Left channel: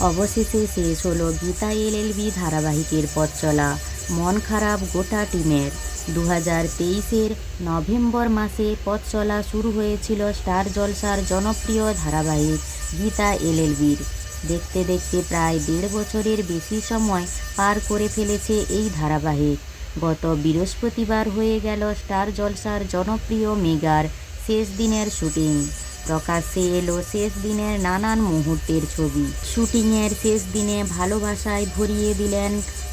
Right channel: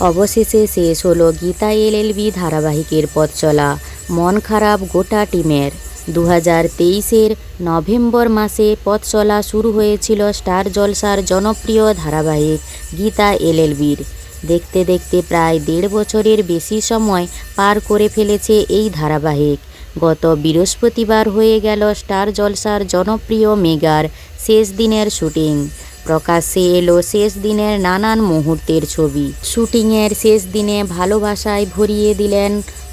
অবশেষে শেষ হলো গীতা এলএলবি ধারাবাহিকের পথ চলা। মন খারাপ গোটা টিমের। দু হাজার তেইশের নভেম্বর মাসে পথ চলা শুরু হয়েছিল স্টার জলসার জনপ্রিয় ধারাবাহিক গীতা এলএলবির দেখতে দেখতে প্রায় দেড় বছরের বেশি সময় পার করে ফেলেছে এই ধারাবাহিক। গত বৃহস্পতিবার হয়ে গেল স্টার জলসার জনপ্রিয় মেগার শেষ দিনের শুটিং। প্রকাশ্যে এলো শেষ দিনের নানান মুহূর্তের ছবি। শুটিংয়ের শেষ দিনে ভালোবাসায় ভরিয়ে দিলেন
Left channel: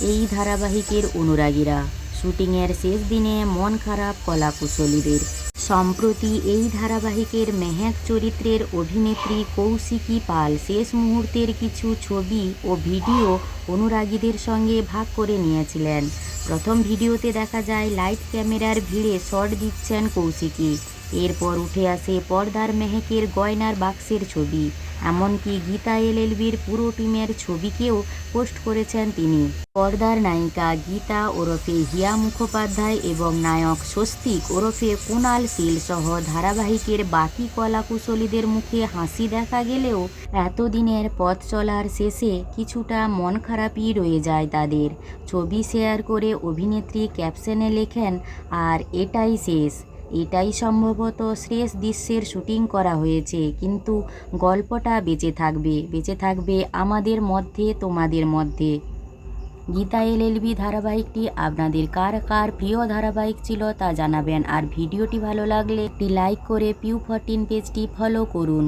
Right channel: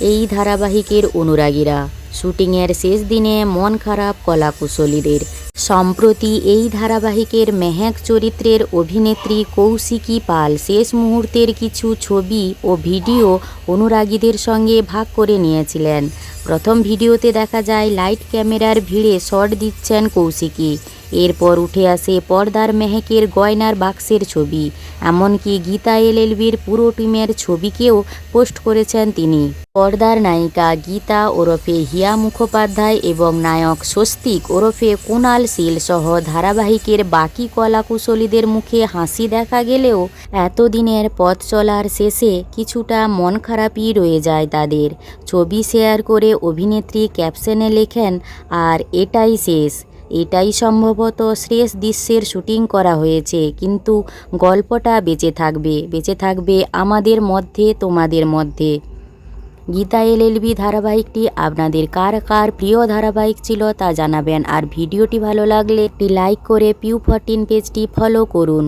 এই ধারাবাহিকের অনুরাগীরা। শুটিংয়ের শেষ দিনে মন খারাপ কলাকুশলীদের। সম্প্রতি এই ধারাবাহিকের মেহেক চরিত্রের অভিনেত্রী কৌশিকী পাল শেষ মুহূর্তের কিছু ছবি ও ভিডিও অনুরাগীদের সঙ্গে ভাগ করে নিয়েছিলেন। প্রথম ভিডিওতে দেখা যায়, লাইট ক্যামেরার ভিড়ে শট দিচ্ছেন কৌশিকী। এরপর উঠে আসে পর্দার মেহেকের গয়নার বাক্সের ছবি। এমনকি গীতা এলএলবির পুরো টিমের ছবিকেও পোস্ট করেছেন তিনি। পর্দার নায়িকা গীতা ওরফে হিয়া মুখোপাধ্যায় এবং নায়ক স্বস্তিক ওরফে কুণাল শীল সহ ধারাবাহিকের বাকি কলাকুশলীদের মুখে হাসি দেখা গেলেও এতদিনের পথ চলার শেষে কিছুটা মন খারাপই রয়ে যায় তাদের। ছবি শেয়ার করে অভিনেত্রী ক্যাপশনে লেখেন, আর এটাই শেষ। এটাই সম্ভবত শ্রেষ দৃশ্যের শুটিং করা হয়েছে, কিন্তু গল্পটা বেঁচে থাকবে বেঁচে থাকবে আমাদের মধ্যে, তোমাদের মধ্যে। গীতা এলএলবি ধারাবাহিকটি আপনাদের কার কার প্রিয় ধারাবাহিক ছিল তা জানাবেন, আর ভিডিওটি ভালো লাগলে একটি লাইক করে পিউ ফরটিন পেজটি ফলো করুন।